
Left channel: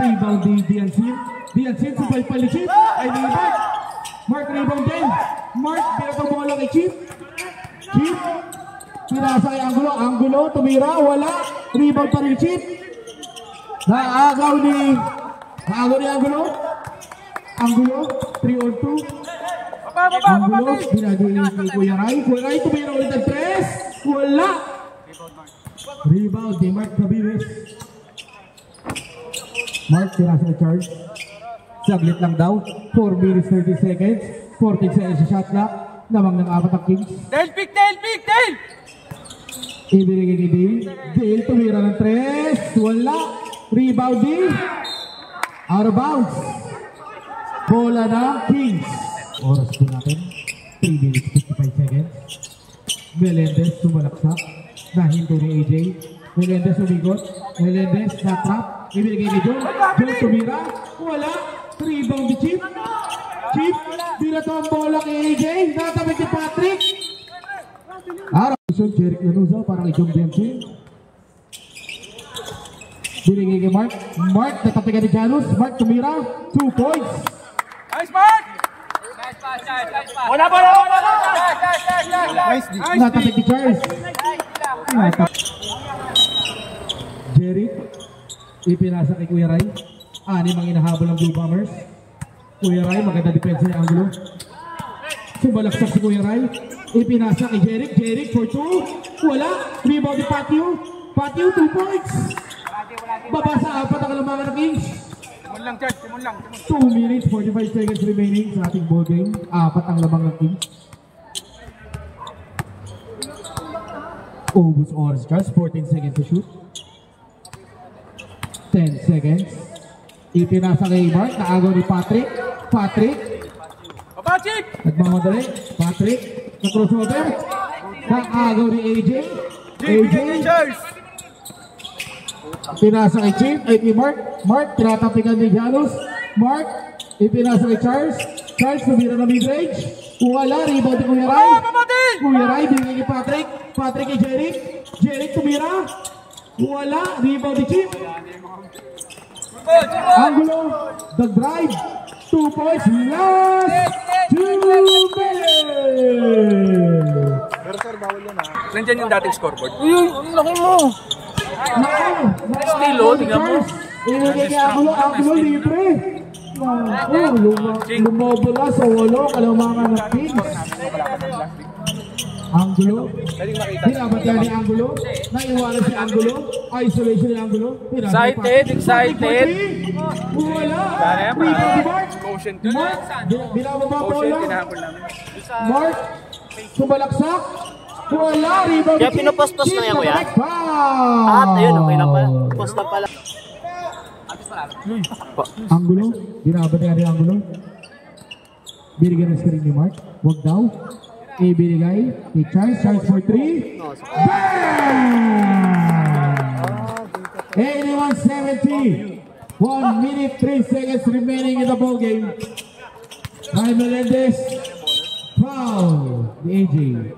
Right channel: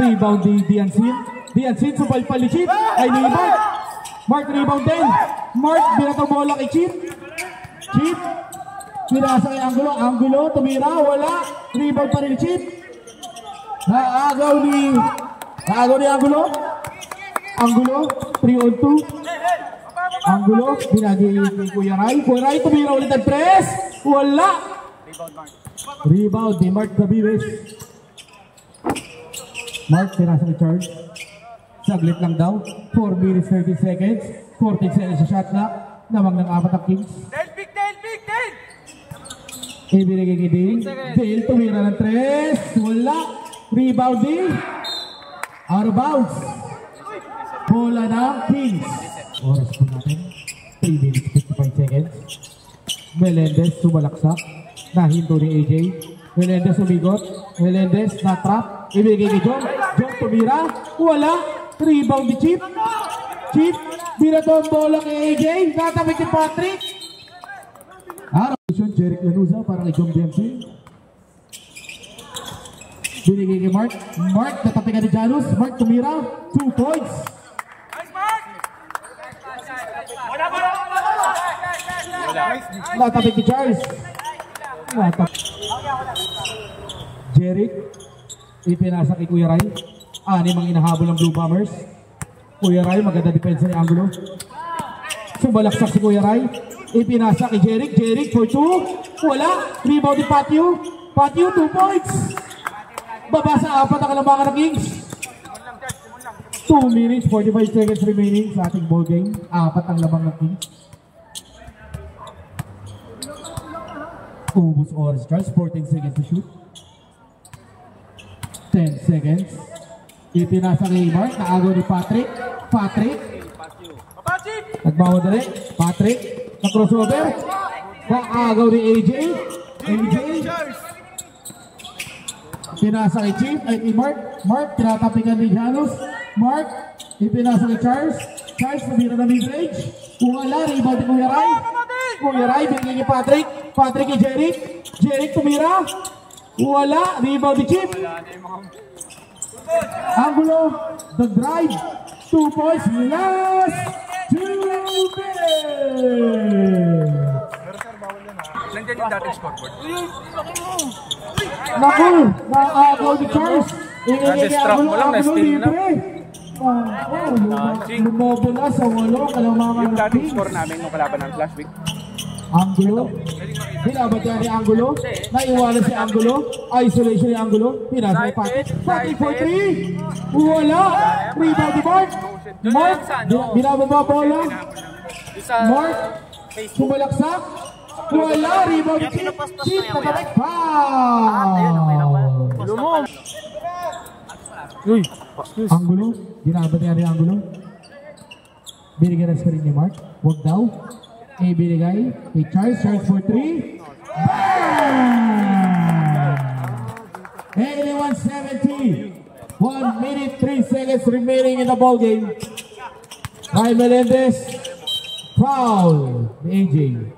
Rebound ni Diansin subalpal ni Chip. Ay rebound. Mark rebound din. Mark binatang bola kay Chip. Pinasa kay Angulo. Angulo tumira. Wala. Rebound pa rin ni Chip. Naagaw ni Angulo. Angulo, 3 on 2. Angulo, binagay ni Kuya Ray. Kuya Ray, tumira ulit ang 3. Wala. Rebound ni Mark Gaviles. Mark, tinasa ni Charles. Saglit lang daw. 4 minutes 30 seconds. 14 seconds sa shot clock. Namang ng 4 ang Kings. Dale! Ibinigay kay Dale. Dale, tumira ng 3. Wala. Rebound din. Out of bounds. Bola ng Kings. Oras po natin. 3 minutes 55 seconds. Melendez sumalaksak. Nahinto ni AJ. Melendez umigot. Melendez na-trap. Ibinigay kay John. John tumira. Wala. Rebound ni Chip. Chip. Binato ang bola kay AJ. Natabik ni Patrick. Jeric Lanuza para kay John Dempsey. Binigay kay Mark. Mark, natapikan ni Janus. Mark tumira. 2 points. Nice, Mark! Wala! Natapik ni Charles. Jeric. Ipinasa kay Kuya Ray. 6 ang inahabol ng Blue Bombers. Kuya Ray, maganda depensa ni Angulo. Sumalaksak si Kuya Ray. Ipinasa kay Jeric. Jeric for 2. Wala. Rebound ni Patio. Patio, 2 points. Baba sa 4 ang kalambangan ng Kings. 2 minutes 45 seconds remaining sa ating ball game. 4 ang lamang ng Kings. Ubus oras, Charles. 14 seconds to shoot. 10 seconds. Ipinasa kay Mark. Naagaw ni Patrick. Patrick. Nagmamadali. Patrick. Na-crossover. Naagaw ni AJ. AJ. Pinasa kay Chief. Ay kay Mark. Mark. Tinatapikan ni Janus. Mark. Ipinasa kay Charles. Charles tumira na mid-range. Wala. Rebound ni Kuya Ray. Kuya Ray. Binigay ni Patrick. Patrick kay Jeric. Jeric tumira. Wala. Rebound ni Chief. Angulo. The drive. 2 points. Last 2 minutes. Nandiyan yung dating scoreboard. Uy, ang laki mo! Naku! Naagaw ni Charles. Ibigay ni Angulo. Angulo libre. Lumabala sa 8 kalamangan ng Kings. Angulo. Pinabatihan ni Angulo. Naiwanan si Angulo. Isolation ni Angulo. Excited. Wala. Rebound ni Mark. Mark. Binababa bola. Mark. Sumalaksak. Wala. Rebound ni Chip. Chip nakamit. Foul. Angulo. Binabatihan ni Angulo. Binigyan ng screen ni Mark. Huwag daw. Ibinigay ni Charles. Charles for 3. Bang! 81-70. 1 minute 3 seconds remaining in the ball game. By Melendez. Foul. Ni AJ.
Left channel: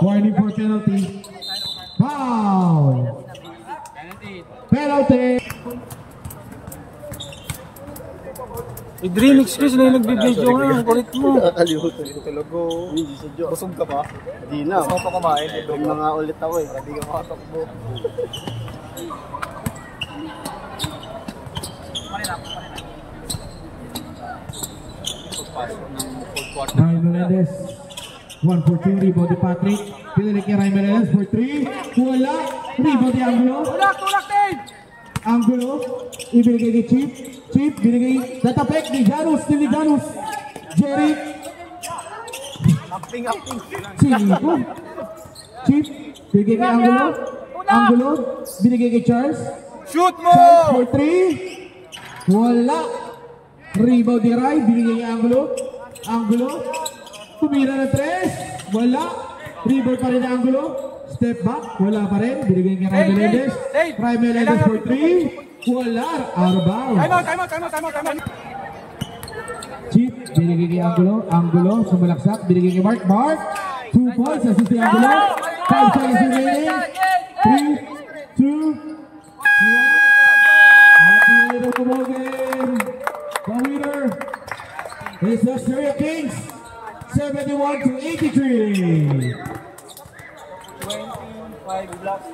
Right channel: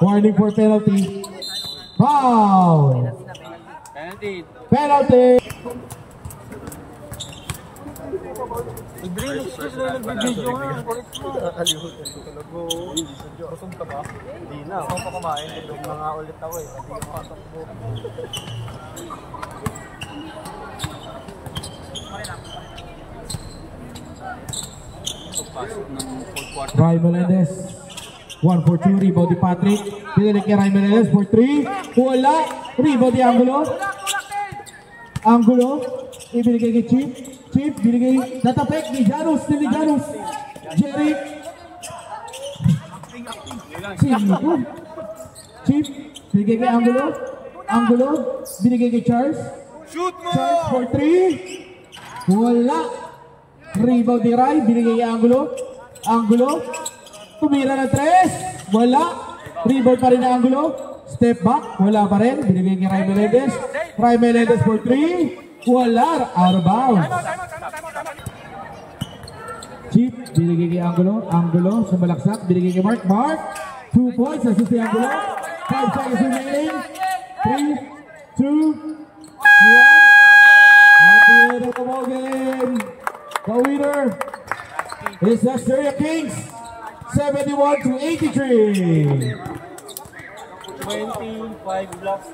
Warning for penalty. Foul. Penalty. I-dream excuse na yung nagbibideo nga. Ang kulit mo. Nakakalimutan ko talaga. Busog ka ba? Hindi na. Gusto ko kumain. Huwag na nga ulit ako eh. Hindi ka makatakbo. Pagpasok ng fourth quarter. Ray Melendez. 1 for 2. Rebound ni Patrick. Pinalik kay Ray Melendez for 3. Wala. Rebound ni Angulo. Angulo. Ibinigay kay Chip. Chip, binigay, natapek ni Janus, ni Janus. Jeric. Cinco. Chip, binigay kay Angulo. Angulo, binigay kay Charles. Shoot mo! Charles for 3. Wala. Rebound ni Ray, binigay kay Angulo. Angulo, tumira ng 3. Wala. Rebound pa rin ni Angulo. Step back, wala pa rin. Binigay kay Ray Melendez. Ray Melendez for 3. Wala, out of bounds. Chip, binigay kay Angulo. Angulo, sumalaksak. Binigay kay Mark. Mark, 2 points. Assist kay Angulo. 5 seconds remaining. 3, 2, 1. At the end of the ball game, the winner is the Asteria Kings, 71-83. 25 blocks.